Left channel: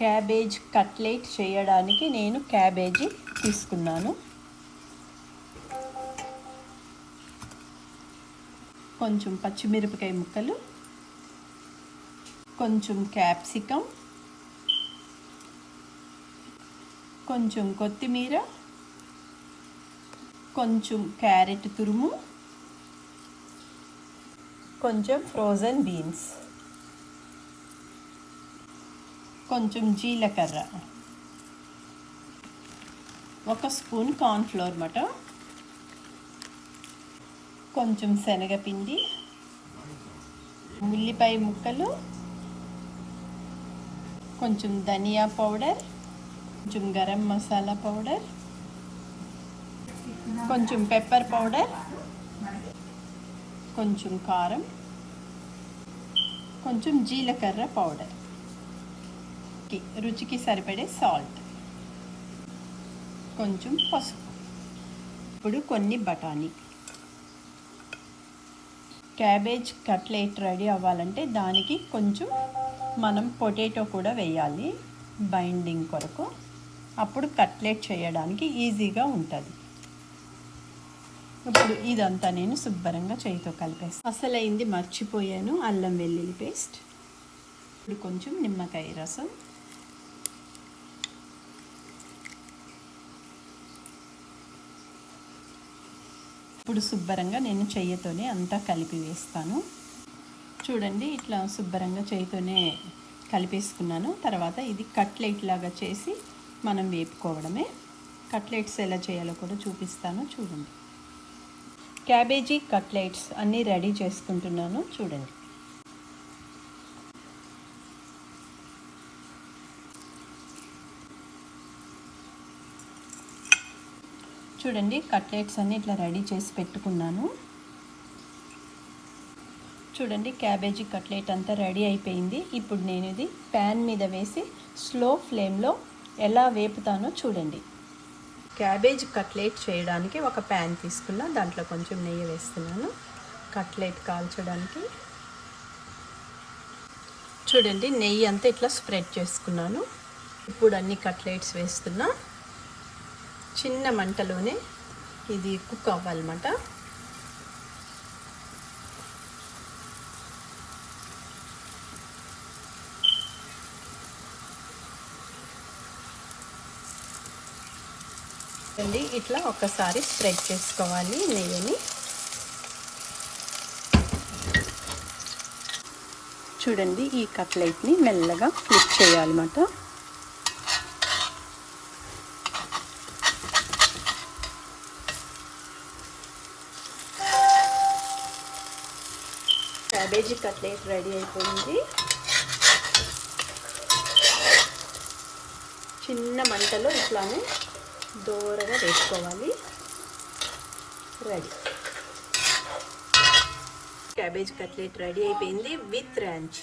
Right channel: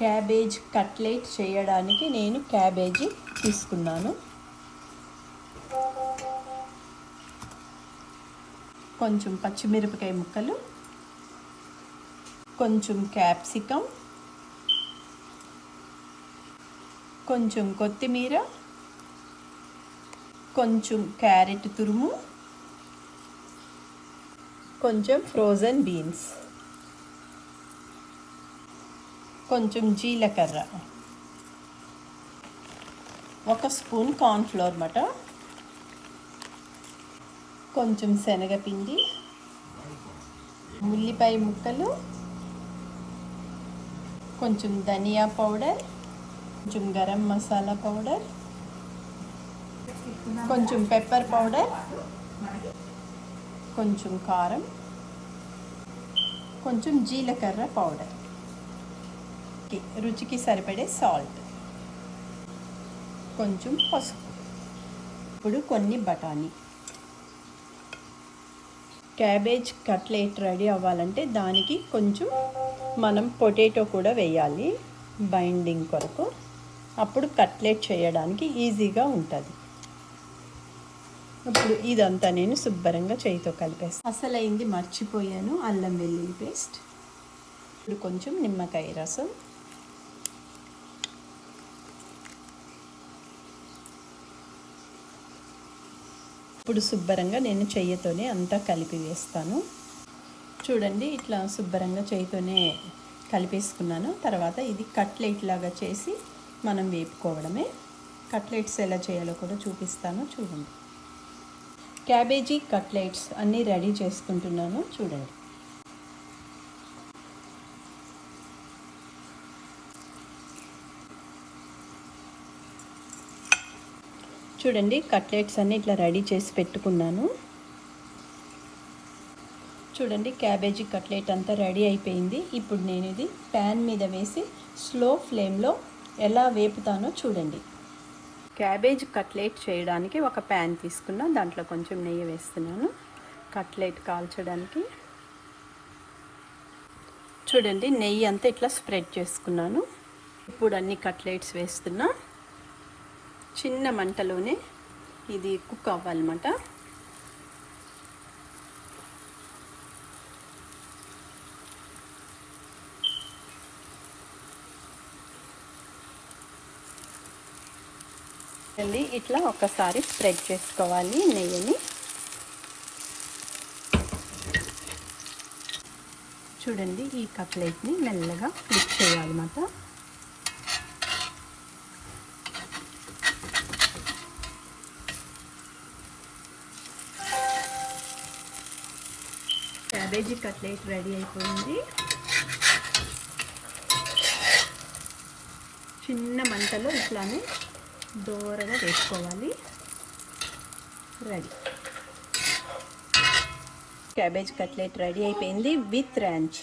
Cabbage cutlet చేయడానికి నేను cabbage తీసుకున్నాను. కొంచెం పచ్చిమిరపకాయ ముక్కలు, కొంచెం క్యాప్సికమ్, కొంచెం కొత్తిమీర, కొంచెం క్యారెట్ తురుము, కొంచెం ఫ్రోజన్ బీన్స్, కొంచెం జీలకర్ర, 1 స్పూన్ కార్న్ఫ్లోర్ మాట, కొంచెం శనగపిండి, ఉల్లిపాయ ముక్కలు, కొంచెం ధనియా పౌడర్, కొంచెం గరం మసాలా పౌడర్, కొంచెం పెప్పర్ పౌడర్, కొంచెం కారం, కొంచెం జీలకర్ర పౌడర్, రుచికి సరిపడే సాల్ట్, కొంచెం పసుపు. ఇప్పుడు కొన్ని బఠానీ. క్యాబేజ్ కట్లెట్ రెడీ అవ్వాలంటే దానికి కొంచెం మనం పొటాటో కూడా వేయాలి బైండింగ్ కొరకు. అప్పుడు కట్లెట్ చేయడానికి ఈజీగా ఉంటుంది. ఇప్పుడు ఇదంతా నేను శుభ్రంగా చేయితో కలిపేస్తాను. అసలైంది మర్చిపోయాను, అల్లం వెల్లుల్లి పేస్ట్. ఇప్పుడు కొంచెం నిమ్మకాయ రసం, ఇప్పుడు శుభ్రంగా నేను చెయ్యితోనే అంతా కలిపి వేస్తాను. చూడండి, ఇట్లా శుభ్రంగా చేయితోనే కలిపేసుకున్నాను. తర్వాత ఇది కట్లెట్ లాగా చేసి మనం వేపుకోవడమే. కట్లెట్స్ ఎలా చేయాలో కూడా చూపిస్తాను చూడండి. క్యాబేజీ కట్లెట్స్ అన్నీ రెడీ చేసుకుంటున్నాను చూడండి. చూడండి, కట్లెట్స్ అన్నీ ఇట్లా రెడీ చేసి పెట్టుకున్నాను. చూడండి, క్యాబేజీ కట్లెట్ అంతా రెడీ అయిపోయింది. ఇప్పుడు నేను ఇది ప్యాన్ మీద వేసి స్లో ఫ్లేమ్లో ఎలా వేపుతానో చూడండి. క్యాబేజ్ కట్లెట్ చేయడానికి ఒక ప్యాన్ తీసుకున్నా, దాంట్లో కొంచెం నెయ్యి వేస్తున్నాను కట్లెట్ కాల్చడానికి. చూడండి, నెయ్యి అంతా ఇట్లా స్ప్రెడ్ చేసుకున్నాను. ఇప్పుడు అన్ని కట్లెట్స్ వేస్తున్నా. చిన్న మంటలోనే ఇది కుక్ అవ్వాలన్నమాట. ఇట్లా ఒకసారి స్ప్రెడ్ చేసుకోవాలి నెయ్యిని. చూడండి, ఈ కట్లెట్ని మెల్లగా ఫ్లిప్ చేయాలన్నమాట. క్యాబేజీ కట్లెట్ రెడీ అయిపోయింది. చిన్న మంటలో ఇట్లానే దూరగా వేసుకోవాలి. రెడీ. క్యాబేజ్ కట్లెట్ రెడీ అయిపోయింది విత్ ర్యాంచ్.